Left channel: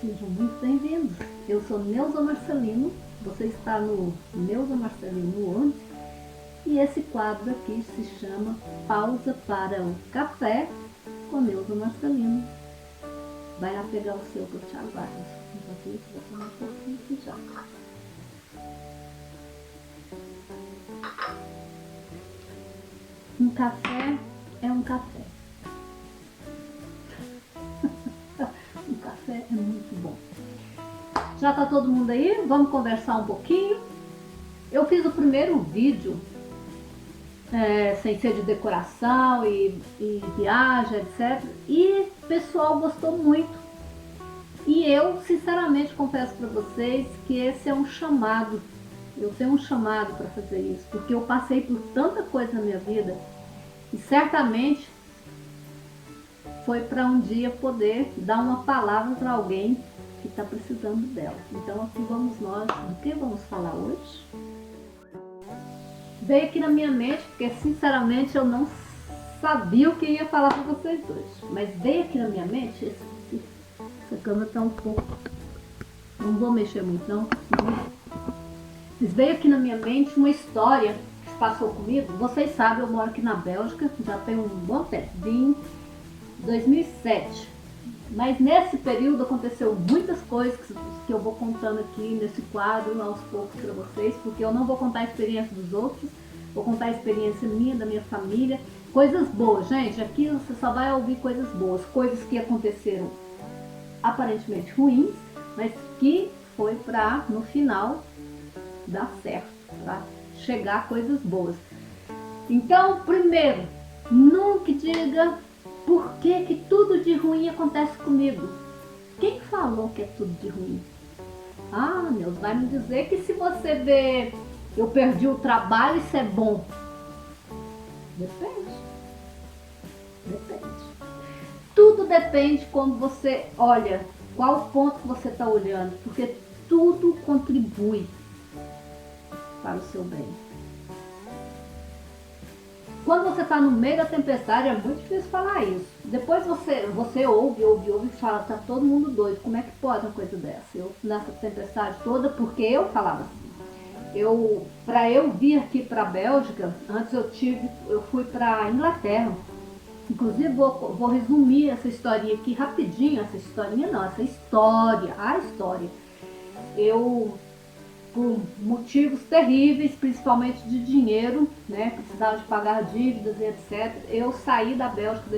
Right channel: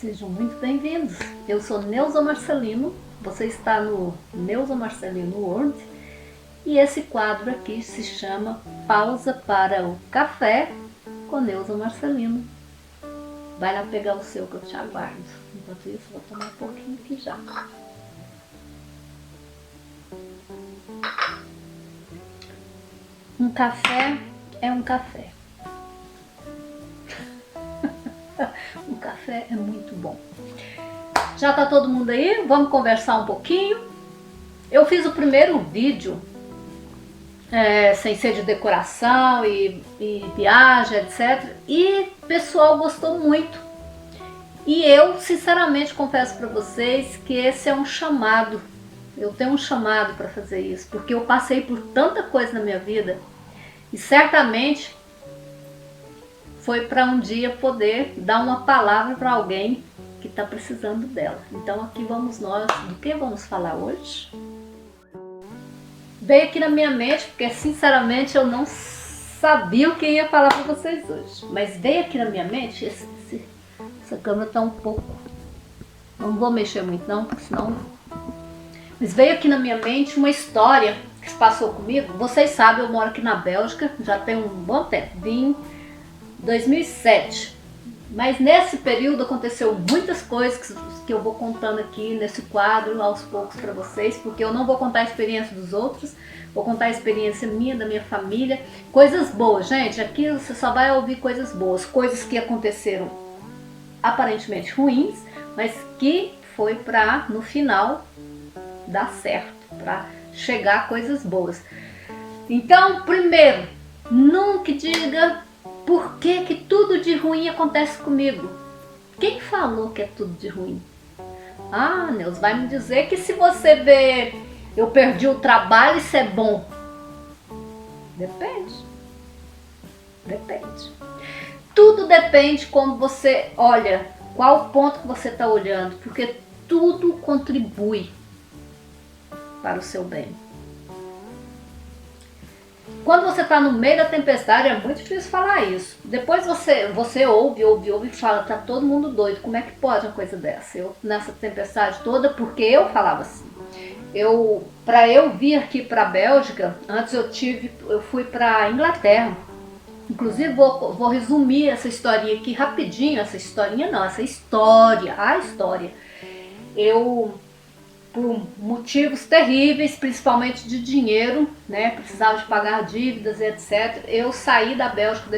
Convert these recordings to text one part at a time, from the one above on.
Sejam muito bem-vindos. Eu sou Neuza Marcelino, você está no Neuza Marcelino World e esse quadro aqui se chama Pausa para o Café com Neuza Marcelino. Vai lá pegar o seu que eu te aguardo. Enquanto isso, vou tomar um pouquinho aqui já. Um café é um café. Um café é muito bom. Já tá todo mundo aí? Vamos conversar um pouquinho. Eu fiz o primeiro vídeo sem ser de decoração e viagem, etc. E o pessoal gostou muito. E eu, sinceramente, confesso para vocês que esse é um chamado. Eu tenho um chamado para fazer isso, porque eu passei por tanta coisa na minha vida e certamente foi para um dia poder dar uma palavra para alguém que está precisando dela. Então aqui vamos nós, do que vamos falar hoje? Veio aqui na minha mente, porque sinceramente eu não sabia o que ia falar para vocês hoje. Mas veio aqui na minha mente, essa câmera está um pouco... Não vou mexer muito não, porque senão... Mas veio aqui na minha mente uma história que se passou comigo. Vocês sabem, eu moro aqui na Bélgica, já tem um bom tempo. Vim 2007, mas nesse período aconteceu muitas coisas que eu vou contando aqui nesse quadro aos poucos para vocês, porque eu não vou contar a experiência dos outros, vou contar a experiência minha, da minha família, coisas boas, gente. Aqui você só vai ouvir coisas boas, coisas que aconteceram aparentemente ruins, mas que foi para no final dar certo, para chegar a coisas boas. Então, primeiro, nunca diga por que tudo de ruim acontece comigo. Quem falou que é tudo de ruim? Ah, Deus vai me dizer que se você vê eu perdi o trabalho, isso é bom. Depende. Depende. Tudo depende como você olha, qual ponto que você está olhando, porque tudo contribui para o seu bem. Quando você está no meio da tempestade, é muito difícil falar isso. Depois você ouve e fala, tá todo mundo doido, como é que pode uma coisa dessa? Eu, nessa tempestade toda, porque eu falava assim. Para eu vir aqui para a Bélgica, antes eu fui para a Inglaterra. Inclusive, vou resumir essa historinha aqui rapidinho. Essa historinha não, essa história, a história. Por motivos terríveis, principalmente de dinheiro, né? Precisava de pagar dívidas e etc. Eu saí da Bélgica,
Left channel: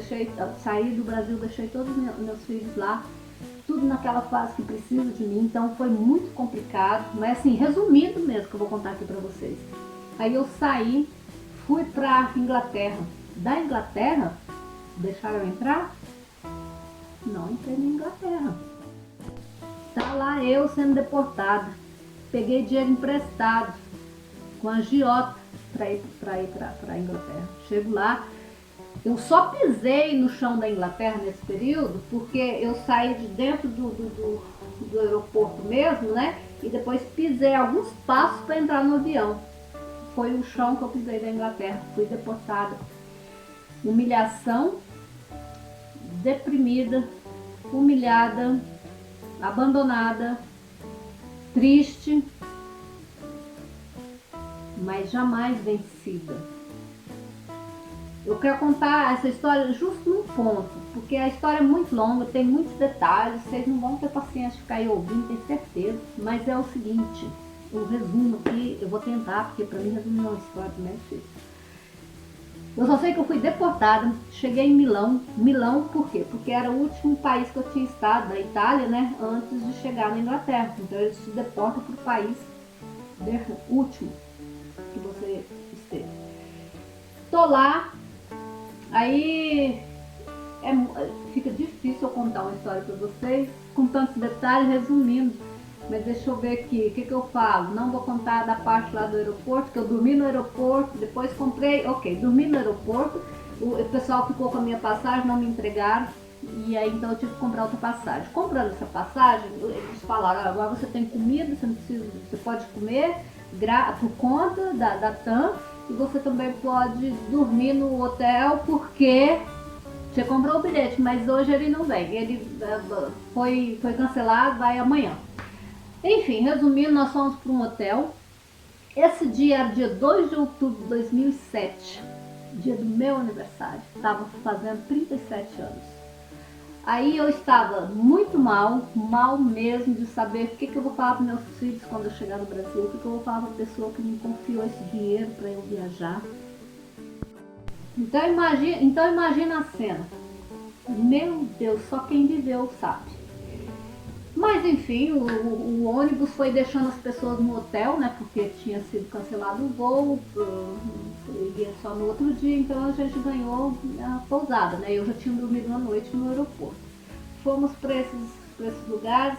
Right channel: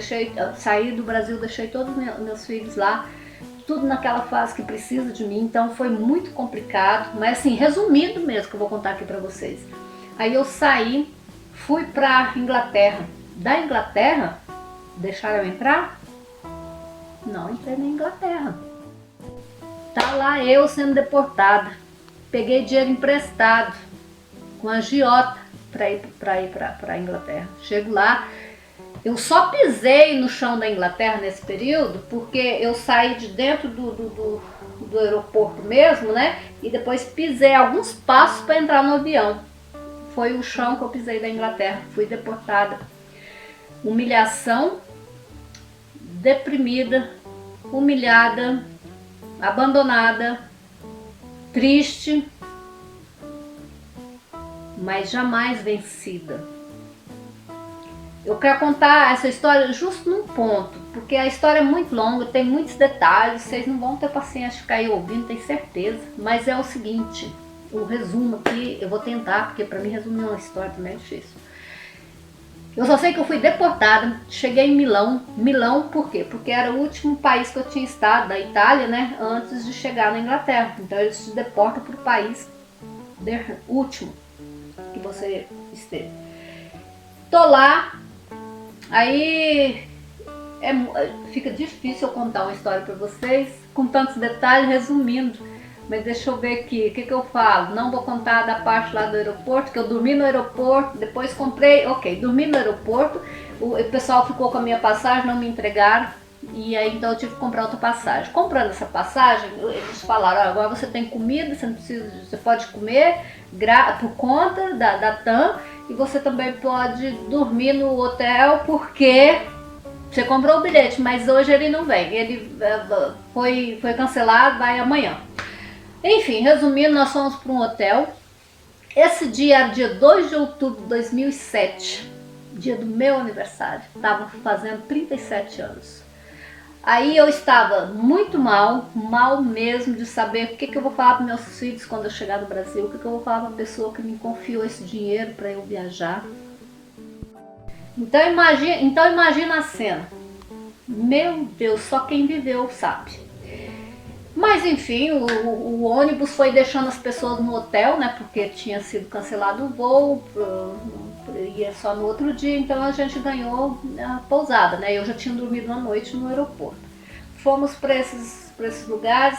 saí do Brasil, deixei todos os meus filhos lá, tudo naquela fase que precisa de mim, então foi muito complicado, mas assim, resumindo mesmo que eu vou contar aqui pra vocês. Aí eu saí, fui pra Inglaterra. Da Inglaterra, deixaram eu entrar? Não entrei na Inglaterra. Tá lá eu sendo deportada. Peguei dinheiro emprestado com a agiota para ir para a Inglaterra. Chego lá, eu só pisei no chão da Inglaterra nesse período porque eu saí de dentro do aeroporto mesmo, né? E depois pisei alguns passos para entrar no avião. Foi o chão que eu pisei da Inglaterra. Fui deportada. Humilhação, deprimida, humilhada, abandonada, triste, mas jamais vencida. Eu quero contar essa história justo num ponto, porque a história é muito longa, tem muitos detalhes, vocês não vão ter paciência de ficar aí ouvindo, tenho certeza. Mas é o seguinte, o resumo aqui, eu vou tentar, porque para mim resumir uma história também é difícil. Eu só sei que eu fui deportada, cheguei em Milão. Milão por quê? Porque era o último país que eu tinha estado, da Itália, né? Antes de chegar na Inglaterra. Então eles te deportam para o país último que você esteve. Tô lá, aí fica difícil eu contar uma história para vocês com tantos detalhes, resumindo. Mas deixa eu ver aqui, o que eu falo? Não vou contar da parte lá do aeroporto, que eu dormi no aeroporto, depois comprei, dormi no aeroporto, o pessoal ficou com a minha passagem, não me entregaram, e aí então eu tive que comprar outra passagem. Comprando essa passagem, eles falaram, agora você tem comida, você pode comer por conta da TAM, e você também pode dormir no hotel, porque Você comprou o bilhete, mas hoje ele não vem. Ele foi cancelado, vai amanhã. Enfim, resumindo, nós fomos para um hotel. Esse dia era dia 2 de outubro de 2007, dia do meu aniversário. Estava fazendo 37 anos. Aí eu estava muito mal mesmo, de saber o que eu vou falar para meus filhos quando eu chegar no Brasil, o que eu vou falar para a pessoa que me confiou esse dinheiro para eu viajar. Então imagina a cena. Meu Deus, só quem viveu sabe. Mas enfim, o ônibus foi deixando as pessoas no hotel, né? Porque tinha sido cancelado o voo, ia só no outro dia, então a gente ganhou a pousada, né? Eu já tinha dormido uma noite no aeroporto. Fomos para esses lugares,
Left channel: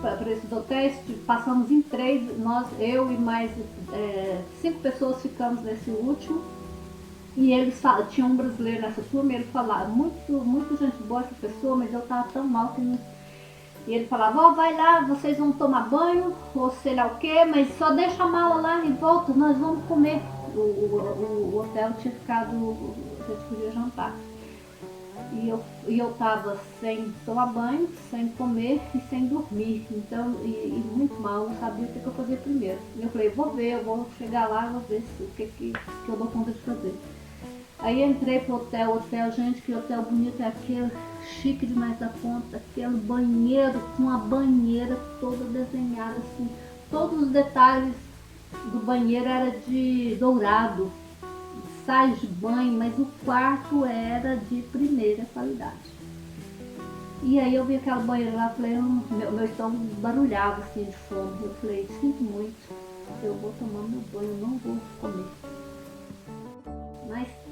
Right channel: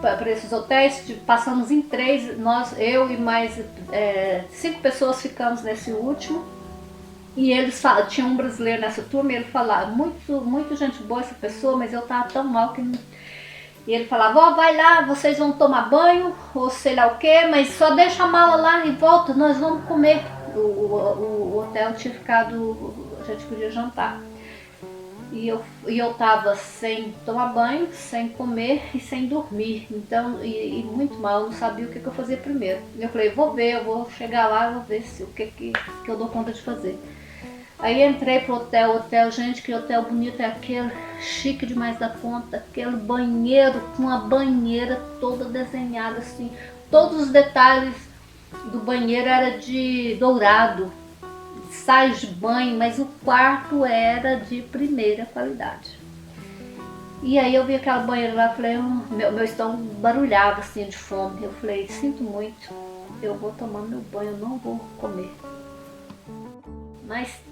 para esses hotéis, passamos em 3, eu e mais 5 pessoas ficamos nesse último. E tinha um brasileiro nessa turma, e ele falava, muito gente boa essa pessoa, mas eu tava tão mal que não. E ele falava, ó, vai lá, vocês vão tomar banho, ou sei lá o que, mas só deixa a mala lá e volta, nós vamos comer. O hotel tinha ficado, a gente podia jantar. E eu tava sem tomar banho, sem comer e sem dormir, então, e muito mal, eu não sabia o que eu fazia primeiro. Eu falei, eu vou chegar lá, vou ver o que eu dou conta de fazer. Aí entrei pro hotel, gente, que hotel bonito é aquele, chique demais da conta, aquele banheiro com uma banheira toda desenhada assim, todos os detalhes do banheiro era de dourado, sais de banho, mas o quarto era de primeira qualidade. E aí eu vi aquela banheira lá, falei, meu estômago barulhava assim de fome, eu falei, sinto muito, eu vou tomar meu banho, eu não vou comer.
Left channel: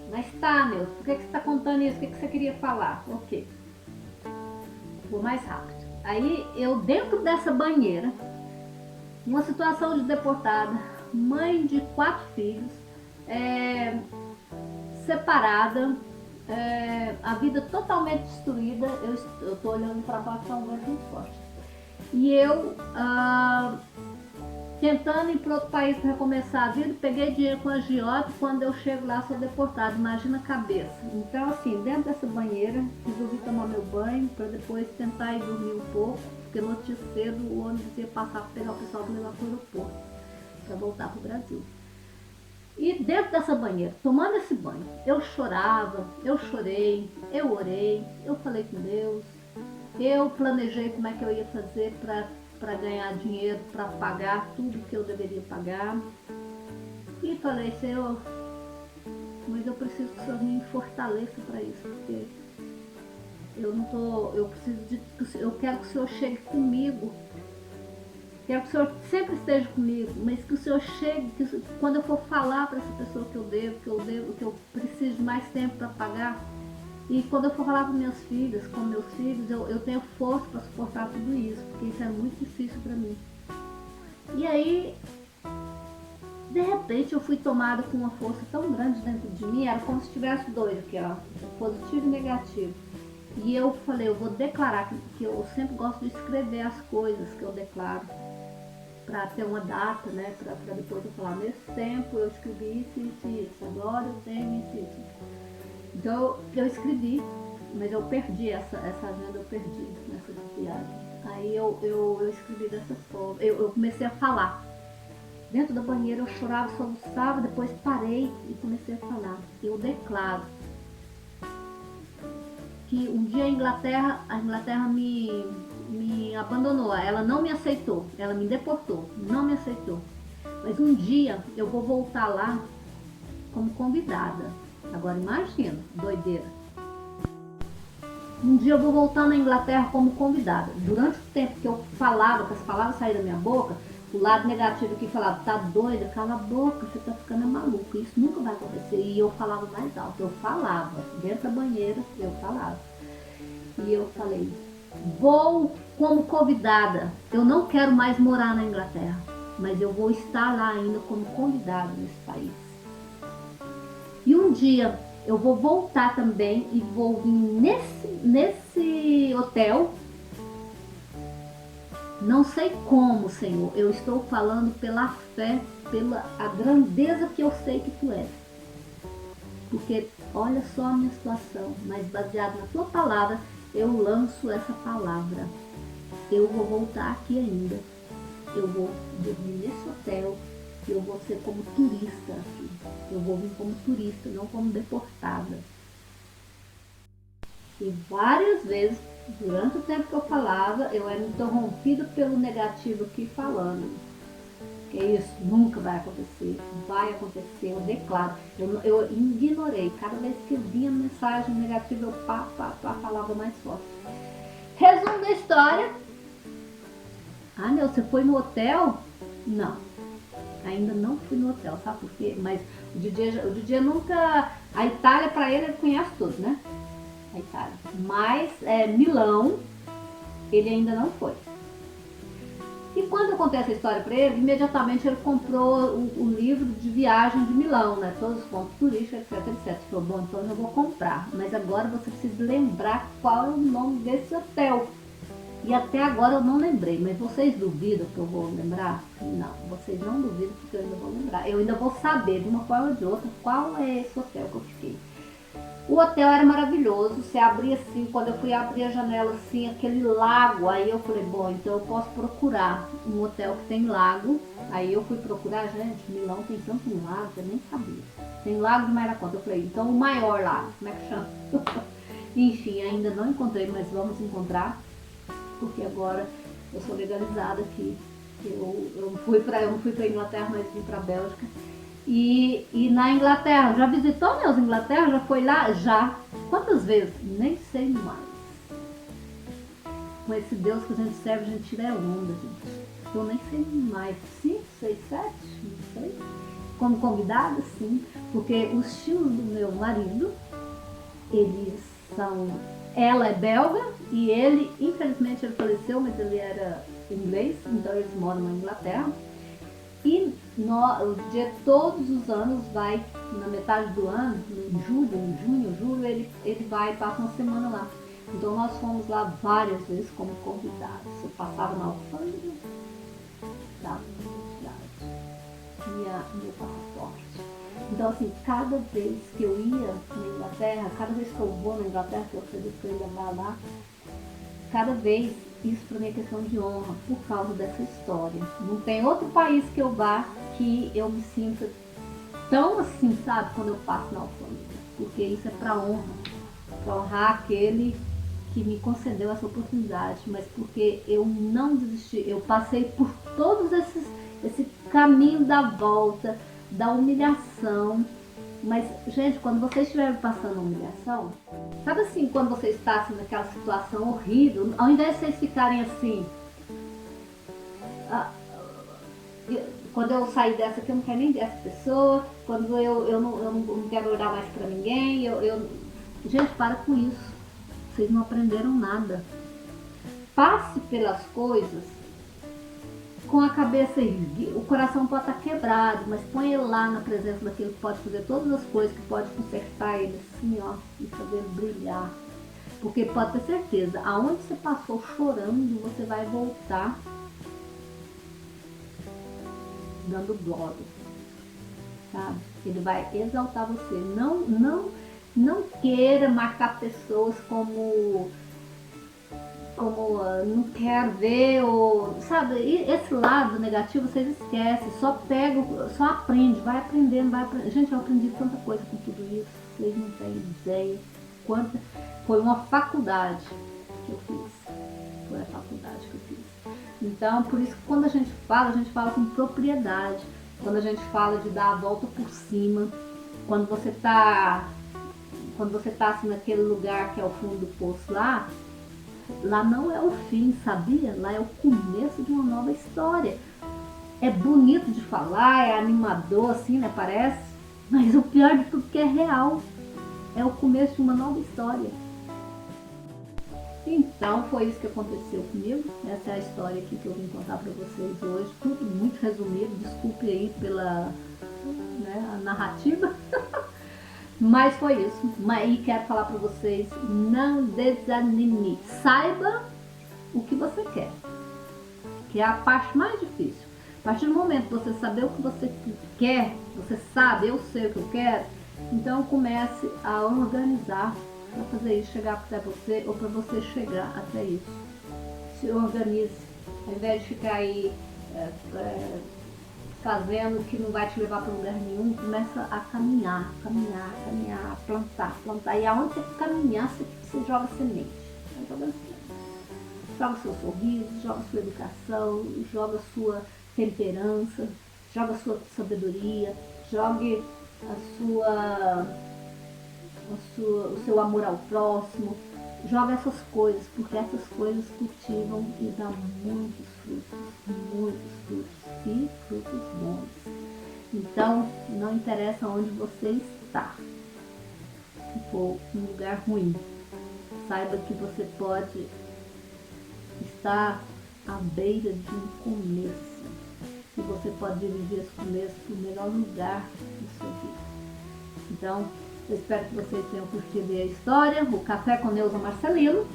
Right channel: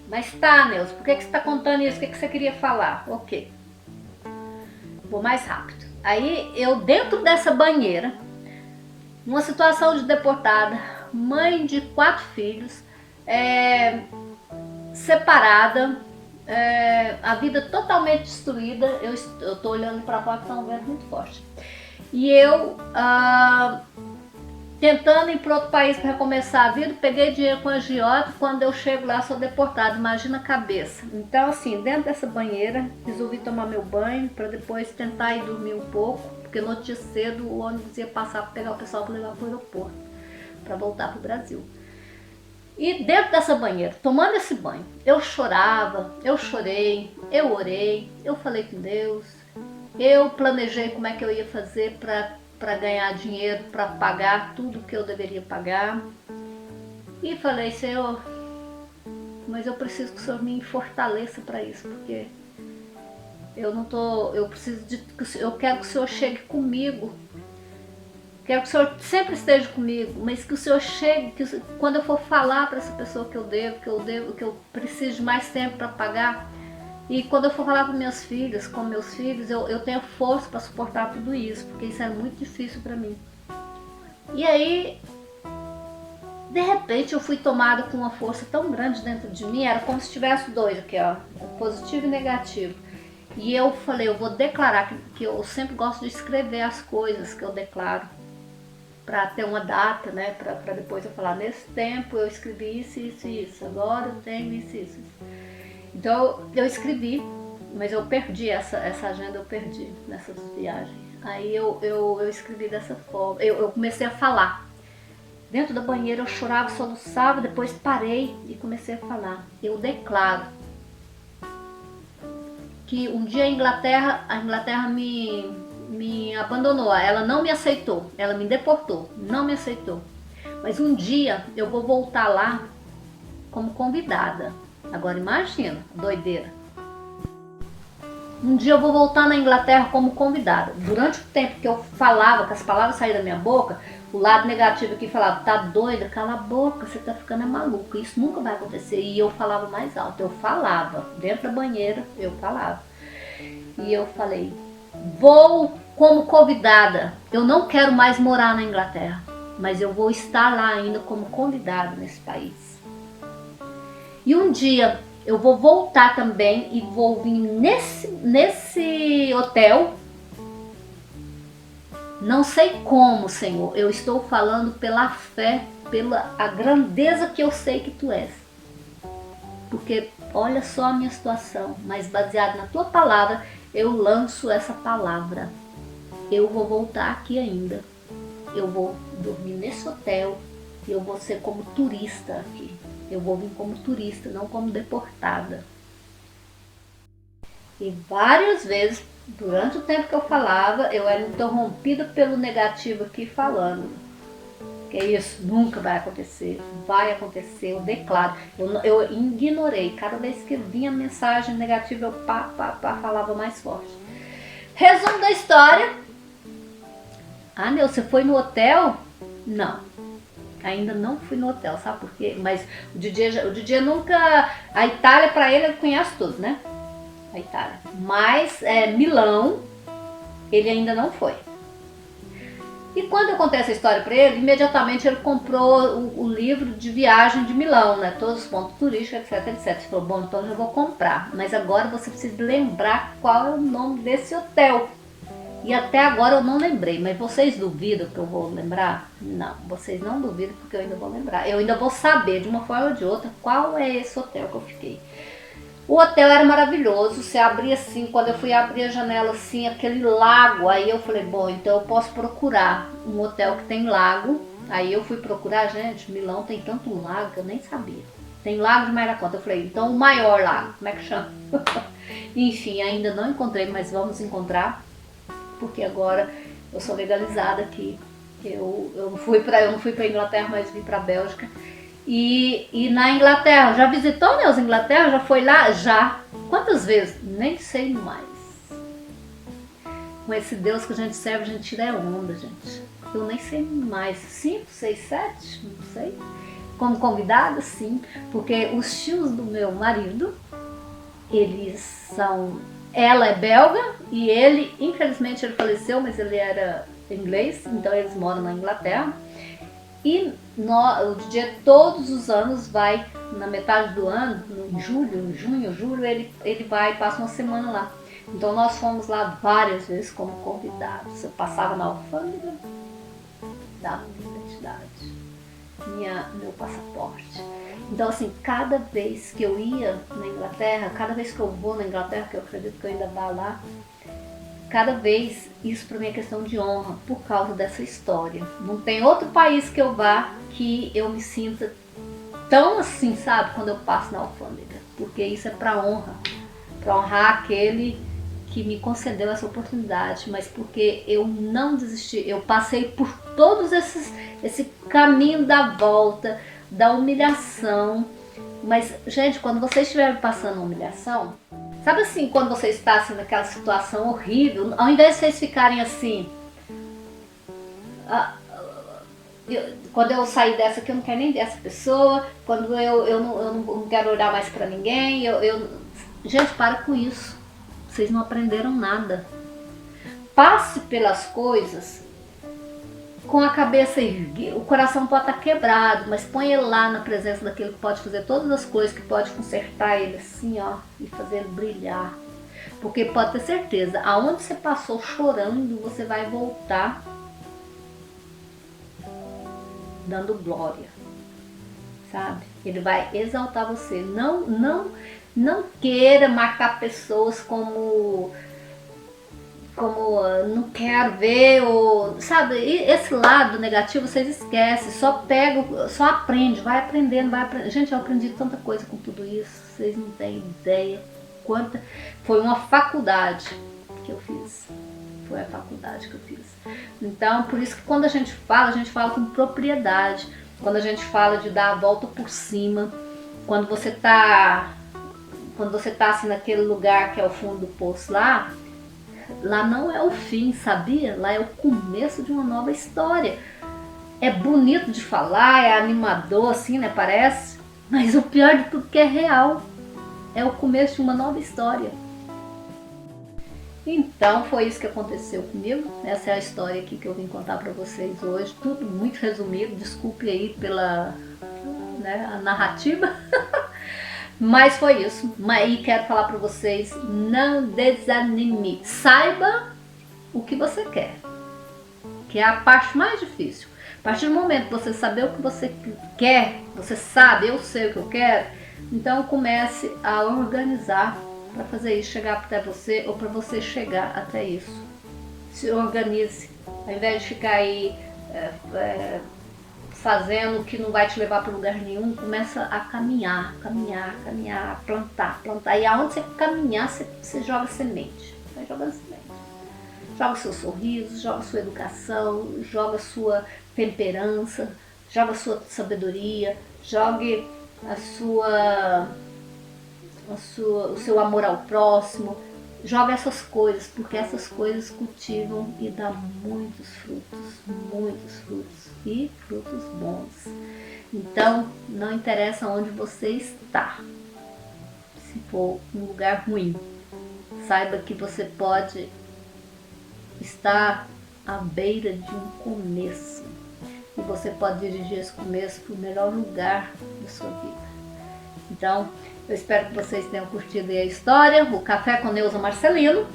Mas tá, Neuza, por que você tá contando isso? O que você queria falar? Ok. Vou mais rápido. Aí eu dentro dessa banheira, numa situação de deportada, mãe de 4 filhos, separada, a vida totalmente destruída, eu tô olhando pra fora, tá um vento muito forte. E eu tentando ir para outro país para recomeçar a vida, peguei dinheiro com a agiota, quando eu chego lá sou deportada, imagina a cabeça. Então assim, dentro dessa banheira, resolvi tomar meu banho para depois tentar ir dormir um pouco, porque no dia cedo o ônibus ia passar para pegar o pessoal para levar para o aeroporto, para voltar para o Brasil. E dentro dessa banheira, tomando esse banho, eu chorava, eu chorei, eu orei, eu falei com Deus, eu planejei como é que eu ia fazer para ganhar dinheiro, para pagar tudo que eu deveria pagar. E falei, Senhor, mas eu preciso que o Senhor me fortaleça para isso, porque eu quero que o Senhor chegue comigo. Quero que o Senhor sempre esteja comigo, mas que o Senhor chegue, quando eu for falar para essa pessoa que eu preciso de mais tempo para pagar, e quando eu for falar com meus filhos, eu tenho força para suportar tudo isso, porque isso era muito difícil para mim. E aí, de repente, eu fui tomada com uma força tão grande dentro de mim, era como se tivesse 2 aqui, ó, positivo e negativo. E eu falei, eu vou declarar, que eu sempre gosto de escrever as coisas que eu declaro, para ter uma data, né, para depois eu falar, nesse tempo eu escrevi isso, isso e isso, agora eu tenho isso e isso. Então eu escrevi, mas eu perdi essa agenda, eu perdi nessa viagem. Aí eu escrevi dessa forma, eu comecei a falar. Dentro da banheira eu chorava, soluçava, depois parei e comecei a falar. Eu declaro que um dia a Inglaterra me abandonou, ela não me aceitou, ela me deportou, não me aceitou. Mas um dia eu vou voltar lá como convidada. Agora imagina, doideira. Um dia eu vou voltar na Inglaterra como convidada. Durante o tempo que eu falava, que as palavras saíram da minha boca, o lado negativo aqui falava, tá doida, cala a boca, você tá ficando maluca, isso nunca vai acontecer. E eu falava mais alto, eu falava, dentro da banheira eu falava. E eu falei, vou como convidada, eu não quero mais morar na Inglaterra, mas eu vou estar lá ainda como convidada nesse país. E um dia eu vou voltar também e vou vir nesse hotel. Não sei como, Senhor, eu estou falando pela fé, pela a grandeza que eu sei que Tu és. porque olha só a minha situação, mas baseado na tua palavra, eu lanço essa palavra. Eu vou voltar aqui ainda, eu vou dormir nesse hotel, eu vou ser como turista aqui, eu vou vir como turista, não como deportada. E várias vezes, durante o tempo que eu falava, eu era interrompida pelo negativo aqui falando. Que isso nunca vai acontecer, eu declaro. Eu ignorei, cada vez que vinha mensagem negativa, eu falava mais forte. Resumo da história. Ah, Neu, você foi no hotel? Não, ainda não fui no hotel, sabe por quê? Mas o DJ nunca... A Itália, pra ele conhece tudo, né? A Itália. Mas Milão, ele ainda não foi. E quando eu contei essa história para ele, imediatamente ele comprou o livro de viagem de Milão, né? Todos os pontos turísticos, etc, etc. Ele falou, bom, então eu vou comprar. Mas agora você precisa lembrar qual é o nome desse hotel. E até agora eu não lembrei, mas vocês duvidam que eu vou lembrar? Não, vocês não duvidam porque eu ainda vou lembrar. Eu ainda vou saber, de uma forma ou de outra, qual é esse hotel que eu fiquei. O hotel era maravilhoso, você abria assim, quando eu fui abrir a janela assim, aquele lago, aí eu falei, bom, então eu posso procurar um hotel que tem lago. Aí eu fui procurar, gente, Milão tem tanto lago que eu nem sabia. Tem lago demais da conta. Eu falei, então o maior lago, como é que chama? Enfim, ainda não encontrei, mas vamos encontrar, porque agora eu sou legalizada aqui. Eu não fui para Inglaterra, mas vim para Bélgica. E na Inglaterra, já visitou, né, os Inglaterra? Já foi lá? Já. Quantas vezes? Nem sei mais. Com esse Deus que a gente serve, a gente tira onda, gente. Eu nem sei mais. 5, 6, 7? Não sei. Como convidada, sim. Porque os tios do meu marido, eles são... Ela é belga e ele, infelizmente, ele faleceu, mas ele era inglês, então eles moram na Inglaterra. E o DJ todos os anos vai, na metade do ano, em junho, julho, ele vai e passa uma semana lá. Então nós fomos lá várias vezes como convidados. Eu passava na alfândega, dava minha identidade, meu passaporte. Então assim, cada vez que eu ia na Inglaterra, cada vez que eu vou na Inglaterra, que eu acredito que eu ainda vá lá, cada vez, isso para mim é questão de honra, por causa dessa história. Não tem outro país que eu vá que eu me sinta tão assim, sabe, quando eu passo na alfândega. Porque isso é para honrar aquele que me concedeu essa oportunidade, mas porque eu não desisti. Eu passei por todos esse caminho da volta, da humilhação. Mas, gente, quando vocês estiverem passando humilhação, sabe assim, quando você está assim, naquela situação horrível, ao invés de vocês ficarem assim, quando eu sair dessa aqui, eu não quero nem ver essa pessoa, quando eu não quero olhar mais pra ninguém, gente, para com isso, vocês não aprenderam nada. Passe pelas coisas com a cabeça erguida. O coração pode estar quebrado, mas põe ele lá na presença daquele que pode fazer todas as coisas, que pode consertar ele assim, ó, e fazer ele brilhar. Porque pode ter certeza, aonde você passou chorando, você vai voltar dando glória, sabe? Ele vai exaltar você. Não queira marcar pessoas como não quero ver, ou sabe, esse lado negativo vocês esquecem, só aprende, vai aprendendo. Gente, eu aprendi tanta coisa com tudo isso, vocês não têm ideia quanta. Foi uma faculdade que eu fiz, então por isso que quando a gente fala com propriedade, quando a gente fala de dar a volta por cima, quando você tá assim naquele lugar que é o fundo do poço lá não é o fim, sabia? Lá é o começo de uma nova história. É bonito de falar, é animador assim, né? Parece. Mas o pior de tudo é que é real. É o começo de uma nova história. Então foi isso que aconteceu comigo. Essa é a história aqui que eu vim contar pra vocês hoje. Tudo muito resumido. Desculpe aí pela a narrativa. Mas foi isso. E quero falar para vocês, não desanime. Saiba o que você quer, que é a parte mais difícil. A partir do momento que você saber o que você quer, você sabe, eu sei o que eu quero, Então comece a organizar para fazer isso chegar até você ou para você chegar até isso. Se organize, ao invés de ficar aí fazendo o que não vai te levar para lugar nenhum, começa a caminhar, plantar. E aonde você caminhar, você joga semente. Vai jogando semente. Joga seu sorriso, joga sua educação, joga sua temperança, joga sua sabedoria, jogue o seu amor ao próximo. Joga essas coisas, porque essas coisas cultivam e dão muitos frutos e frutos bons. Então, não interessa onde você está. Se for um lugar ruim, saiba que você pode estar à beira de um começo. E você pode dirigir esse começo para o melhor lugar da sua vida. Então, eu espero que vocês tenham curtido a história, o Café com Neuza Marcelino.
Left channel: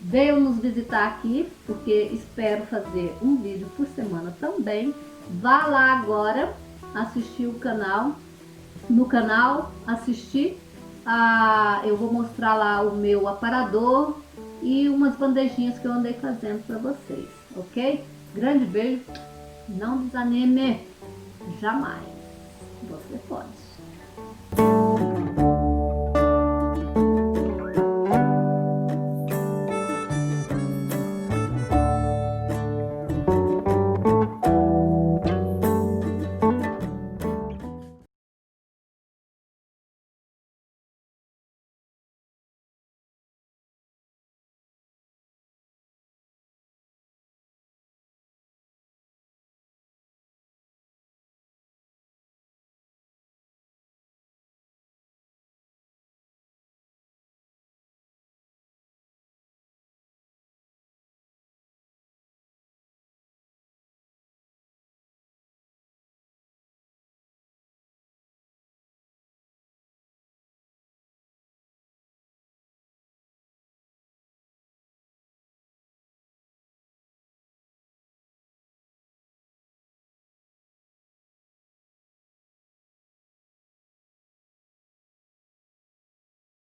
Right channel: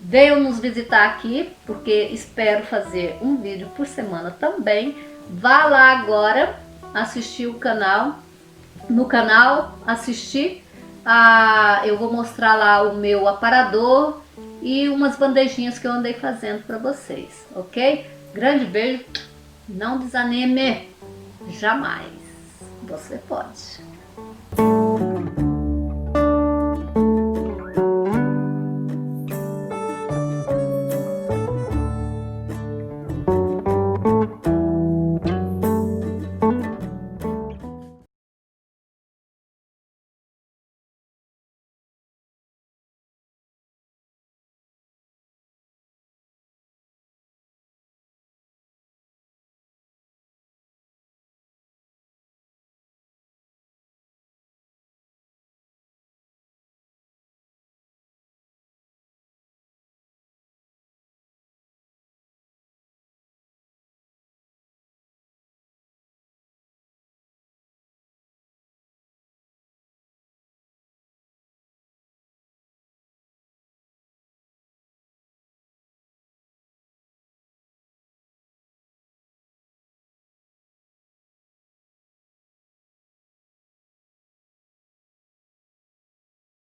Venham nos visitar aqui, porque espero fazer um vídeo por semana também. Vá lá agora assistir o canal. No canal, assistir. Eu vou mostrar lá o meu aparador e umas bandejinhas que eu andei fazendo para vocês, ok? Grande beijo. Não desanime. Jamais. Você pode.